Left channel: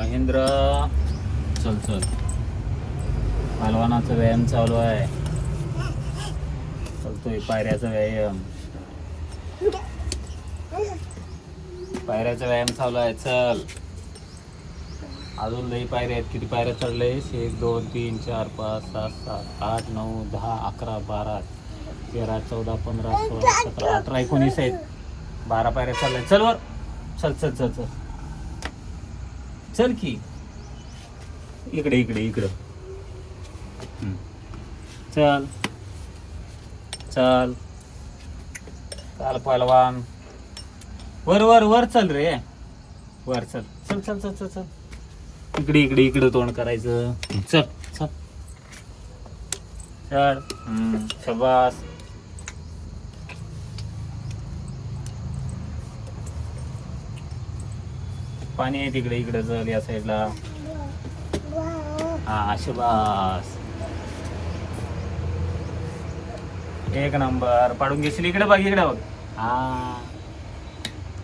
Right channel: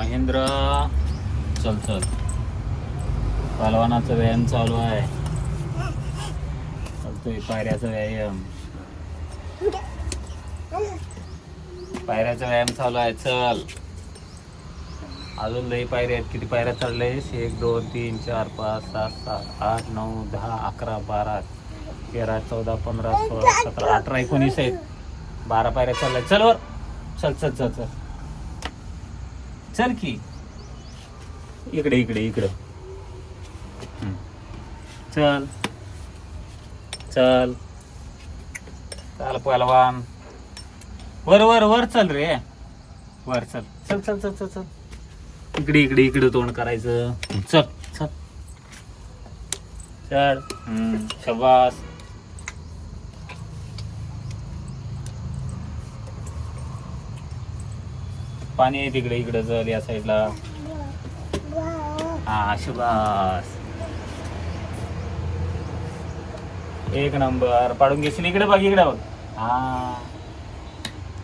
महेंद्र, चल चल, पहलवानाचा व्यायाम चालू आहे. चलतोय पायऱ्याचा व्यायाम, पायऱ्याचा व्यायाम चालू आहे. चल, अजून लई पायऱ्या आहेत. किती पायऱ्या चढलेस? 1 2 3 4 5 6 7 8 9 10 11 12 13 14 15 16 17 18 19 आहेत. 12 पायऱ्या चालल्या. चल वर, चल चल चल चल चल की इकडे इकडे इकडं. चल चल चाल पहलवान. वर वर वर चल रे, वर चल चल चल चल चल चल. इकडे इकडे इकडे तोंड करायचं. चल चल चल. शाबास. पाणी आहे तिकडे, इकडे चल या साईडला. हा शाबास, एक नंबर. पाडून घेशील. इकडे बघ, इकडे बघ. हा